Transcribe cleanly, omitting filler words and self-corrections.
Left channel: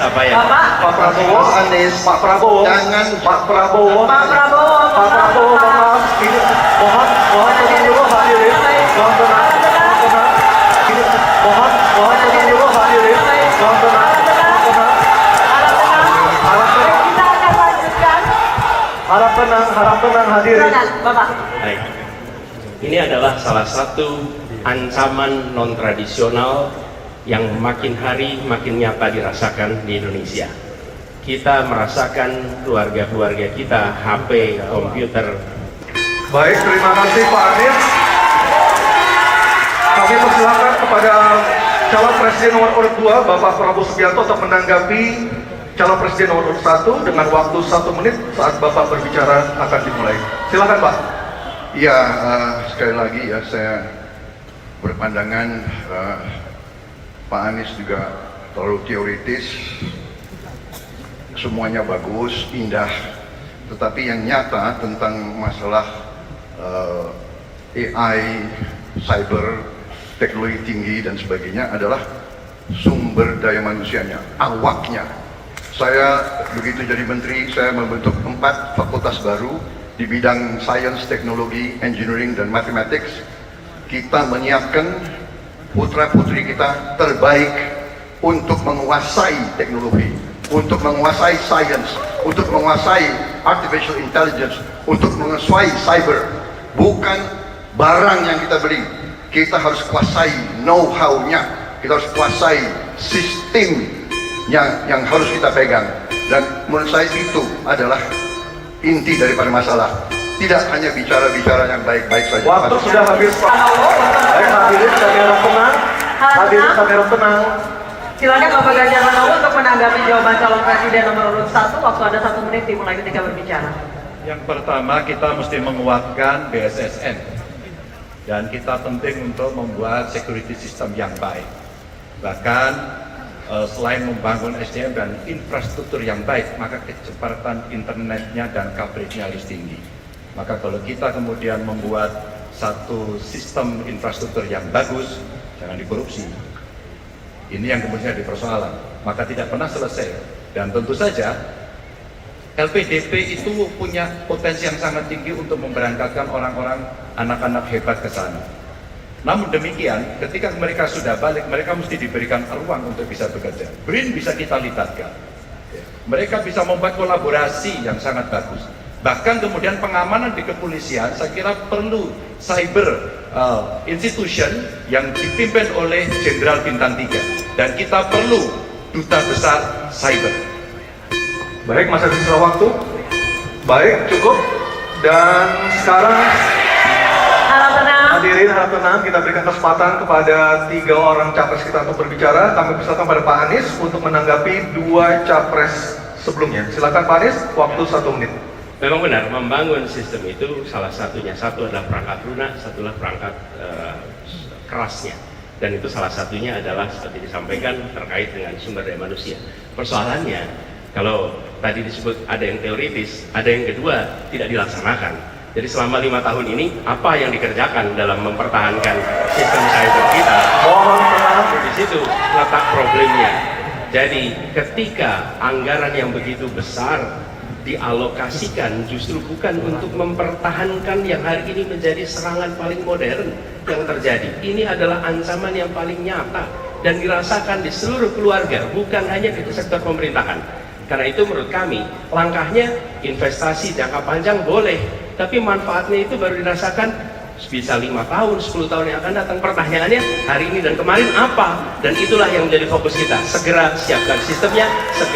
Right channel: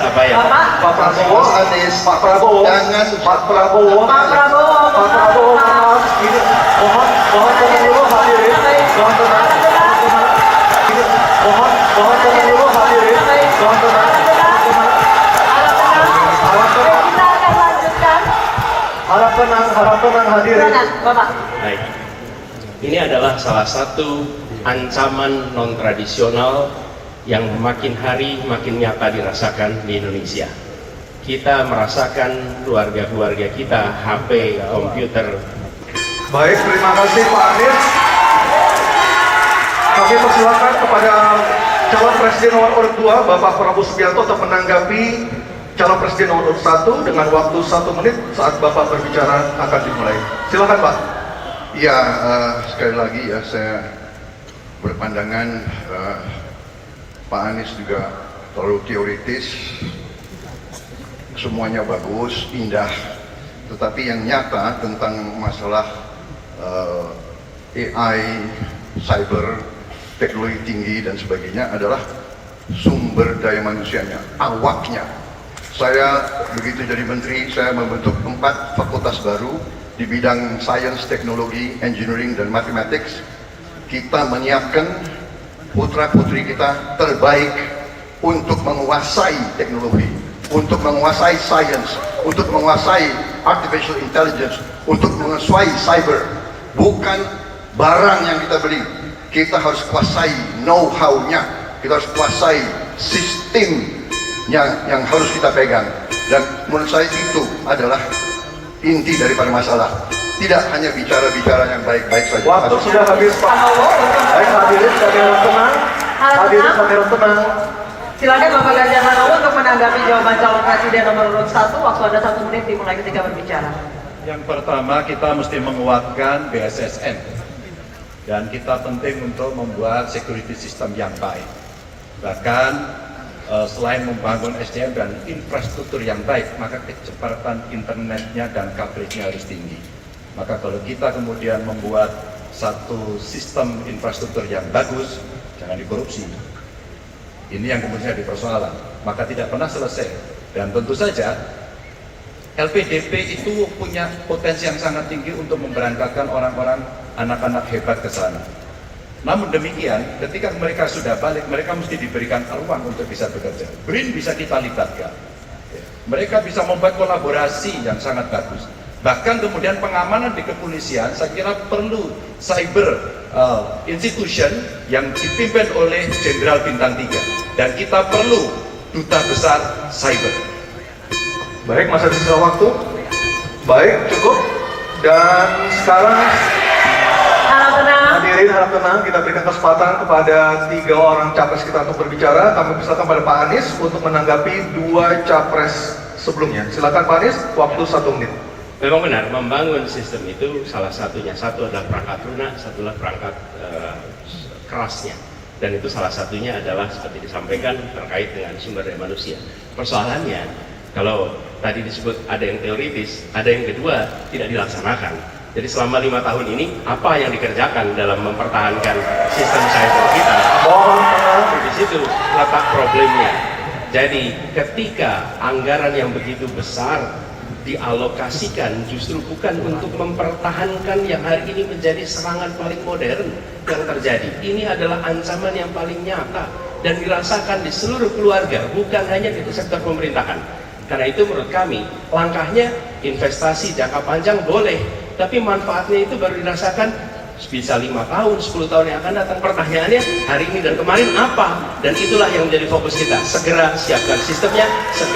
Apa ya? Pak Prabowo, Anies, Pak Prabowo, jangan Pak Prabowo, Pak Prabowo, Pak Prabowo, maaf, ini mohon tenang dulu hadirin, mohon tenang, ini mohon tenang dulu hadirin, mohon tenang, kita akan lanjutkan. harap tenang hadirin. Silakan, Bapak. Baik. Ini adalah salah satu ancaman non-tradisional yang makin hari makin nyata dirasakan di Indonesia. Kita merasakan keluarga-keluarga kita, HP, komputer. Baik, terima kasih Pak Anies. Kami persilakan kepada calon presiden nomor urut 2, Bapak Prabowo Subianto, untuk menanggapi calon presiden nomor urut 1 dengan waktu 1 menit saat Bapak berbicara akan dimulai. Silakan Pak. Ya, sekali lagi ya saya berpandangan Pak Anies juga terlalu teoritis. Semuanya bagus, indah, tetapi yang nyata tentang masalah AI, cyber, teknologi tinggi dan sebagainya adalah sumber daya manusianya, awaknya. Saya begitu jadi menteri, saya membentuk 4 fakultas baru di bidang sains, teknologi, engineering, dan mathematics. Kita menyiapkan putra-putri kita terbaik untuk menguasai teknologi, untuk menguasai sains, untuk menguasai artificial intelligence, untuk menguasai cyber. Bukan barang yang kita beli, kita harus kuasai know-how-nya, kita harus kuasai sistem yang harus kita pegang. Dan menurut saya itu adalah inti daripada masalah. Tidak hanya bicara-bicara yang baik-baik saja. Waktu sudah habis Pak. Baik, hadirin kami harap tenang. Hadirin kami harap tenang. Silakan Bapak Ganjar Pranowo untuk menanggapi jawaban calon presiden nomor urut 1. Waktu Anda 1 menit dimulai ketika berbicara. Yang pertama, kita mesti menguatkan BSSN dan kita penting untuk membuat security system yang baik. Bahkan selain membangun SDM dan infrastruktur yang baik, maka kecepatan internetnya dan coveragenya harus tinggi. Maka kalau kita kemudian membuat satu sistem infrastruktur yang bagus, jangan dikorupsi. Ini yang kemudian jadi persoalan, maka tidak pernah selesai. Dan tentu saja LPDP itu punya potensi yang sangat tinggi untuk memberangkatkan orang-orang, anak-anak hebat ke sana. Namun demikian, ketika mereka sudah balik, mereka mesti diberikan ruang untuk bisa bekerja. BRIN bisa kita libatkan. Mereka bisa membuat kolaborasi yang sangat bagus. Bahkan kemudian pengamanan di kepolisian, saya kira perlu cyber institution yang dipimpin oleh Jenderal Bintang 3. Dan kita perlu duta besar cyber. Baik, masih ada sisa waktu. Baik, cukup. Dan sekarang hadirin harap tenang, kita berikan kesempatan kepada 3 orang capres kita untuk berbicara. Kami persilakan pada Pak Anies untuk menanggapi 2 capres sebelumnya. Silakan Pak Anies, waktu 1 menit. Memang benar, membangun sistem itu salah satunya. Satu adalah perangkat lunak, satu adalah perangkat kerasnya. Dan itu salah satunya adalah seperti disampaikan terkait dengan sumber daya manusia. Persoalannya, kalau tadi disebut ada yang teoritis, ada yang kedua tidak dilaksanakan. Jadi selama 5 tahun ini, apa yang dikerjakan dalam mempertahankan sistem cyber kita? Mohon di situ letak problemnya. Jadi ketika anggaran yang begitu besar dialokasikan justru bukan untuk mempertahankan yang hari ini menjadi serangan paling modern yang terjadi. Ini adalah ancaman yang paling nyata dan dirasakan di seluruh keluarga, bukan hanya di sektor pemerintahan. Karena itu menurut kami, langkahnya investasi jangka panjang boleh, tapi manfaatnya itu baru dirasakan bisa 5 tahun, 10 tahun yang akan datang. Pertanyaannya, hari ini dan kemarin apa? Dan itulah yang menjadi fokus kita. Segera siapkan sistemnya, segera